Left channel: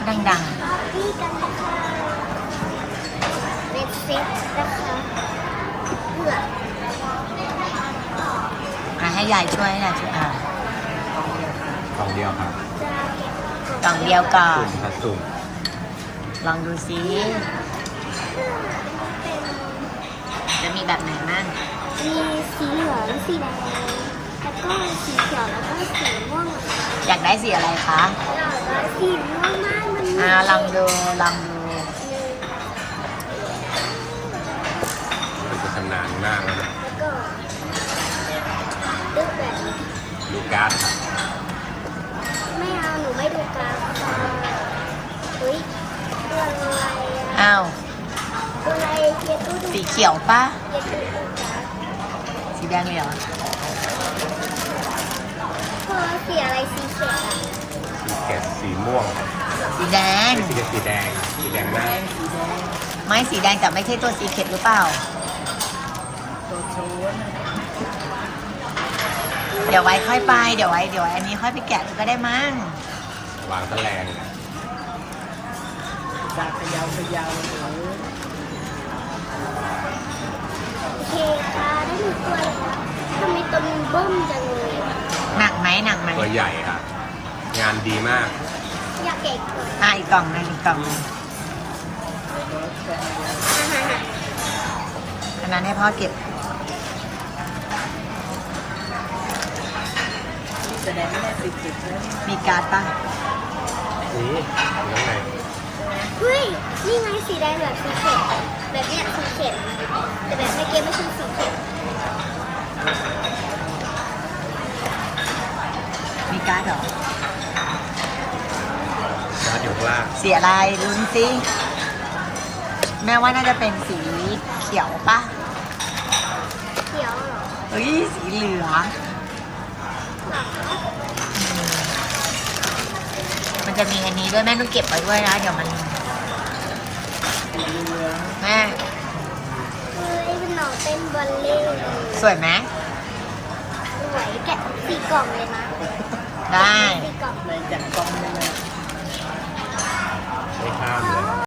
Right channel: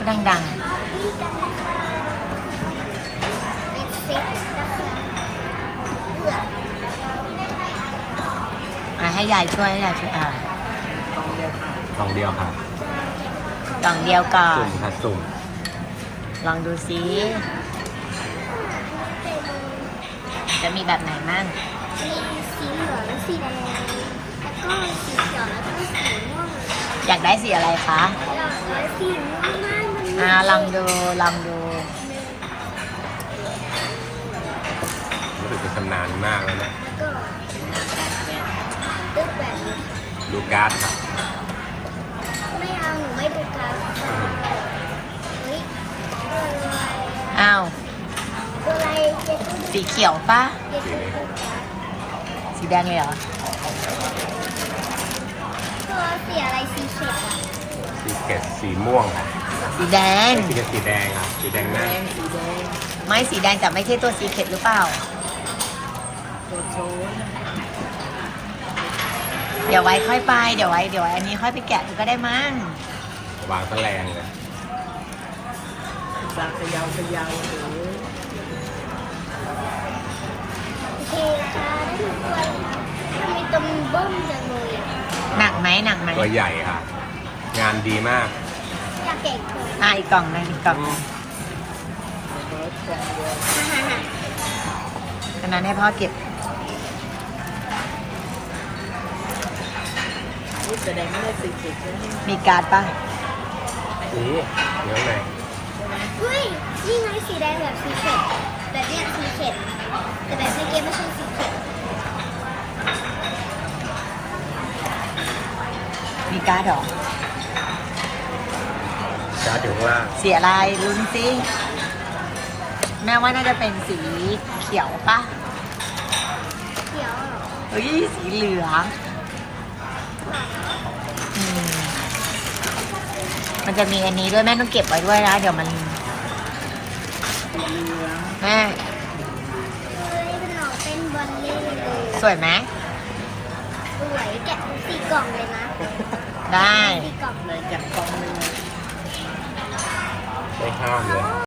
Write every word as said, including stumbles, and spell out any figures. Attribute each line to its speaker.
Speaker 1: ก็ดัง
Speaker 2: เล็กเซ็ตนะคะเผือก
Speaker 1: ๆอ่ะให้ยายช่วยให้ยายช่วยอ่ะ
Speaker 3: ของเดียวครับ
Speaker 1: กล่องเดียวก่อน
Speaker 3: ถ้าสุ่ม
Speaker 1: ลองดูซิจะมีแบบไหนมั่ง
Speaker 2: มีสีเหลืองสีแดงแล้วก็สีเขียวแล้วก็สีม่วง
Speaker 1: อยากได้สีอะไรคะ
Speaker 2: แล้วสีม่วงหน้ามัน
Speaker 1: อ่าลองดูลองดู
Speaker 3: รู้สึกชำนาญมากนะ
Speaker 2: แล้วก็ลูกแบบนี้
Speaker 3: ดูการ์ด
Speaker 2: ไม่เอาหนูไม่ดูกราฟเฮ้ยตัวอะไร
Speaker 1: อ้าว
Speaker 2: ตัวอะไรเก็ตตู้ดู
Speaker 1: สีเขียวปะ
Speaker 2: เก็ตตู้ดูกราฟ
Speaker 1: สีแดงเลยเหรอ
Speaker 2: ตัวสีอะไรสีเขียวอ่ะ
Speaker 3: สีเข็ดสีม่วง
Speaker 1: สีแดง
Speaker 3: สีเข็ดสีแดงอะสีแดงหน้า
Speaker 1: ไม่สีแดงแต่ไม่ใช่ตัวสีเข็ดหรือเปล่า
Speaker 4: ตัวโชน
Speaker 1: เดี๋ยวไว้ค่อยไปเดี๋ยวไว้เดี๋ยวไว้อันนี้ค่อยไปแกะดูก็ได้มั้ง
Speaker 3: วางแถลงเลย
Speaker 4: จากเขยาวขยาวหรือ
Speaker 2: โอเคค่ะได้หนึ่งตัวแล้วทำไมตัวมันเบิ้มจังเลย
Speaker 1: หนักไหมหนักไหม
Speaker 3: ตัวใหญ่ครับงานดีมาก
Speaker 2: อยากเก็บตัว
Speaker 1: อ่ะอีกกล่องหนึงอีกกล่องหนึง
Speaker 4: เบิร์ดแคนเดียว
Speaker 1: อันนั้นให้พ่อเก็บ
Speaker 4: นี่แสดงว่าได้สิบสิบแล้วนี่
Speaker 1: มีการ์ดปะ
Speaker 3: นี่เนื้อไง
Speaker 4: ใช่ไหม
Speaker 2: เฮ้ยนี่ไงสีแดงแบบสีเขียวแบบเนี้ยสีเขียวแต่แบบในเกมไม่ใช่สีเขียว
Speaker 1: มีการ์ดเหรอ
Speaker 3: นะถือว่า
Speaker 1: สีอะไรลุ้นสิแม่ว่าน่าจะเป็นสีเขียวปะ
Speaker 2: เขียว
Speaker 1: เฮ้ยสีเหลืองอืมมันจะมีอันนี้ด้วยแม่ต้องเก็บไว้ด้วยนะเดี๋ยวมัน
Speaker 4: สีเหลือง
Speaker 1: แม่
Speaker 2: เฮ้ยเป็นหนองเต้นบอลเล่เลย
Speaker 1: สวยไหม
Speaker 2: สวยแกะสีกล่องเลยนะ
Speaker 1: ได้
Speaker 2: สีกล่อง
Speaker 4: ในจากกองไปเลย
Speaker 3: ไม่ข้าม